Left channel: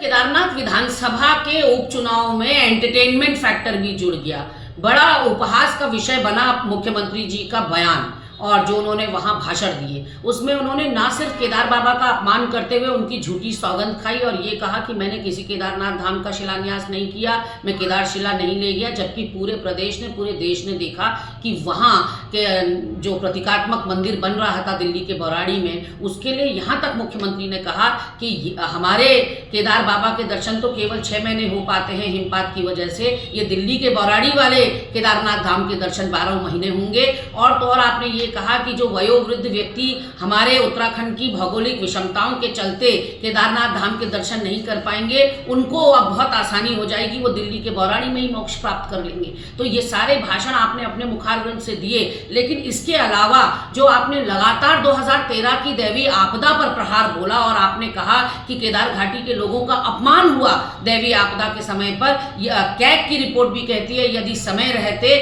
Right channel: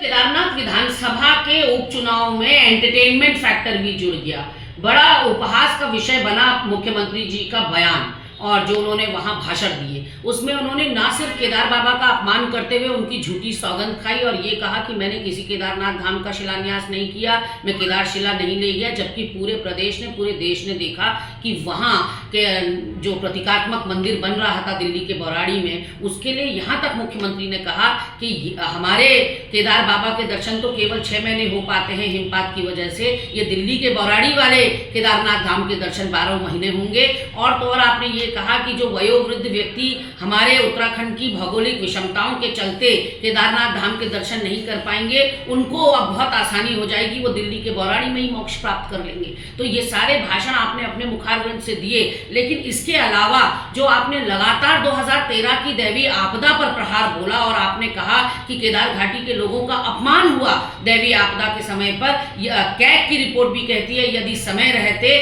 केदारनाथ विधानसभा के उपचुनाव में एंटरटेनमेंट फैक्टर भी जुड़ गया। बड़ा उपहास का विषय बना मुख्यमंत्री जी का बयान और जो उन्होंने वहां भाषण दिए, उसमें उन्होंने ना सिर्फ केदार बाबा का अपमान करते हुए उनकी झूठी सौगंध खाई और ये कहा कि मैंने किसी केदारनाथ धाम का शिलान्यास नहीं किया, मैं केदारशिला नहीं ले गया, जबकि पूरे प्रदेश ने, पूरे देश ने देखा कि वहाँ के जो प्रतीकात्मक मंदिर बन रहा था दिल्ली के बौराड़ी में, उसके लिए यहाँ तक मुख्यमंत्री ने कहा कि हमारे केदार बाबा के दर्शन तो केवल 6 महीने हो पाते हैं हिमपात की वजह से, ये दिल्ली के बौराड़ी वाले केदारनाथ धाम के दर्शन 12 महीने होंगे। और तो और आपने ये कहा कि जो वयोवृद्ध व्यक्ति हमारे उत्तराखंड की भौगोलिक विषमताओं के चलते केदारनाथ धाम के दर्शन नहीं कर पाएंगे, उनको अब बहुत आसानी हो जाएगी, वो दिल्ली के बौराड़ी में ही मोक्ष प्राप्त कर लेंगे। तो ये सारे भाषण आपने अपने मुखारविंद से दिए, लेकिन इसके अलावा जो आपने लगातार 2013 की दैवीय आपदा पर प्रहार बोला और आपने कहा कि केदार घाटी के लोगों का अपमान हुआ दैवीय आपदा के समय पर, कैग की रिपोर्ट भी कहती है यदि समय रहते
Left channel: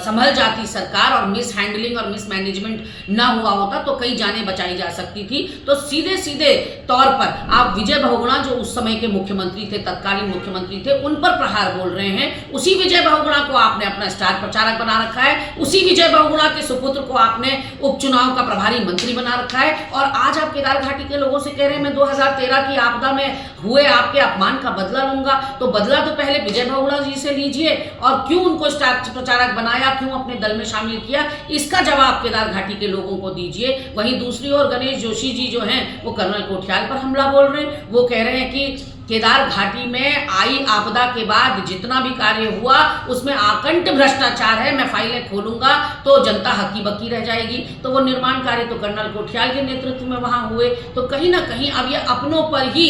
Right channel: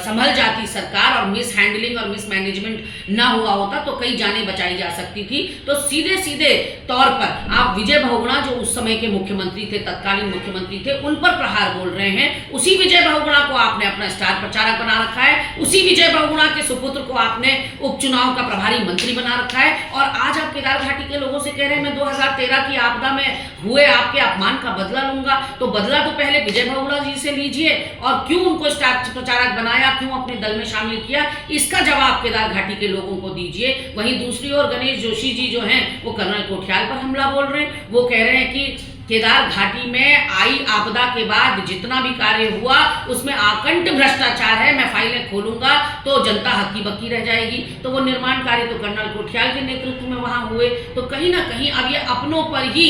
संभल जाती सरकार और मिस हैंडलिंग और मिसमैनेजमेंट ना हुआ होता तो कई जानें बचाई जा सकती थी। तो सीधे सीधे तौर पर आप विजय बहुगुणा जो उस समय के मुख्यमंत्री थे, तत्कालीन मुख्यमंत्री थे, उन पर प्रहार बोल रहे हैं। उसी विजय बहुगुणा को आपने अपना स्टार प्रचारक बना रखा है, उसी विजय बहुगुणा के सुपुत्र को आपने उपचुनाव का प्रभारी मंत्री बना रखा है और आज आप केदार घाटी के लोगों से कह रहे हैं मैं 2013 की आपदा में हुए आपके अपमान का बदला लूंगा। तो बदला तो पहले विजय बहुगुणा जी से लीजिए और क्यों उनको स्टार प्रचारक बनाया, क्यों अपने दल में शामिल किया, इसका जवाब केदार घाटी के लोगों को दीजिए। वहीं दूसरी ओर गणेश जोशी जी जो हैं वो कर्नल कोठियाल पर हमला बोल रहे हैं। वो कह रहे हैं कि केदार घाटी में आई आपदा के बाद जितना भी कार्य हुआ उसमें आकंठ भ्रष्टाचार है, मैं फाइलें खोलूंगा तो जनता हक्की बक्की रह जाएगी। तो वो निर्माण कार्य तो कर्नल कोठियाल के नेतृत्व में वहां हुए। तो कहीं ना कहीं अब ये अपनों पर ही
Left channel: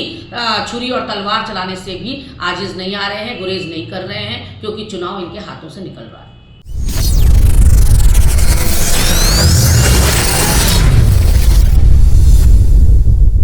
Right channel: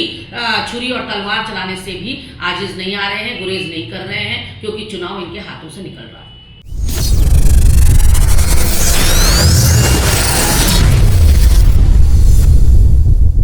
छुरी और तलवार चलाने से भी आजिज नहीं आ रहे हैं, गुरेज नहीं कर रहे हैं, क्योंकि चुनाव इनके हाथों से निकल रहा है।